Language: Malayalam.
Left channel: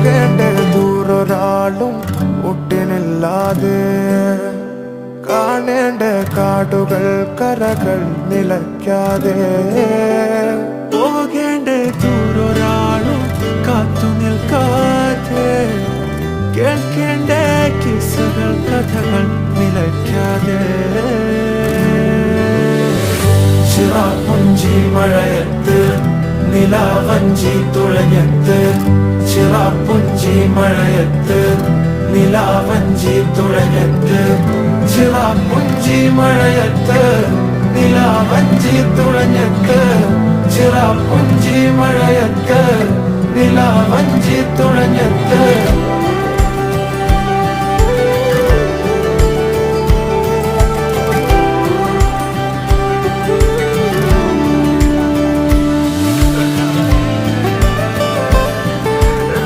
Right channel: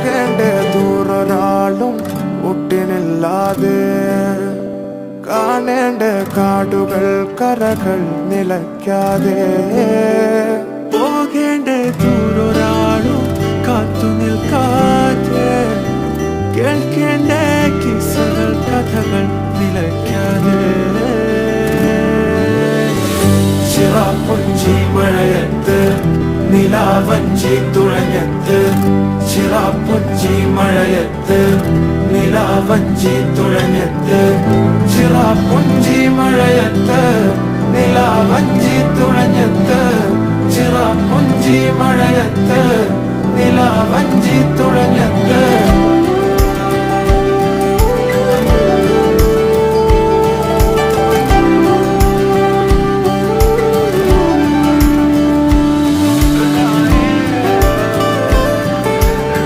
പോകേണ്ട ദൂരൊരാളും ഒട്ടിനില്ലാതെ, കാണേണ്ട കാടുകൾ കരകൾ നിലയ്ക്കാതെ, പോകേണ്ട ദൂരൊരാളും കാത്തു നിൽക്കാതെ, കേൾക്കേണ്ട കിസ്സകൾ കഥകൾ നിലയ്ക്കാതെ. ചിറാപ്പുഞ്ചി മഴയത്ത് നിലാവഞ്ചി തുഴഞ്ഞത്ത്, ചിറാപ്പുഞ്ചി മഴയത്ത് നിലാവഞ്ചി തുഴഞ്ഞത്ത്, ചിറാപ്പുഞ്ചി മഴയത്ത് നിലാവഞ്ചി തുഴഞ്ഞത്ത്, ചിറാപ്പുഞ്ചി മഴയത്ത് നിലാവഞ്ചി തുഴഞ്ഞത്ത്.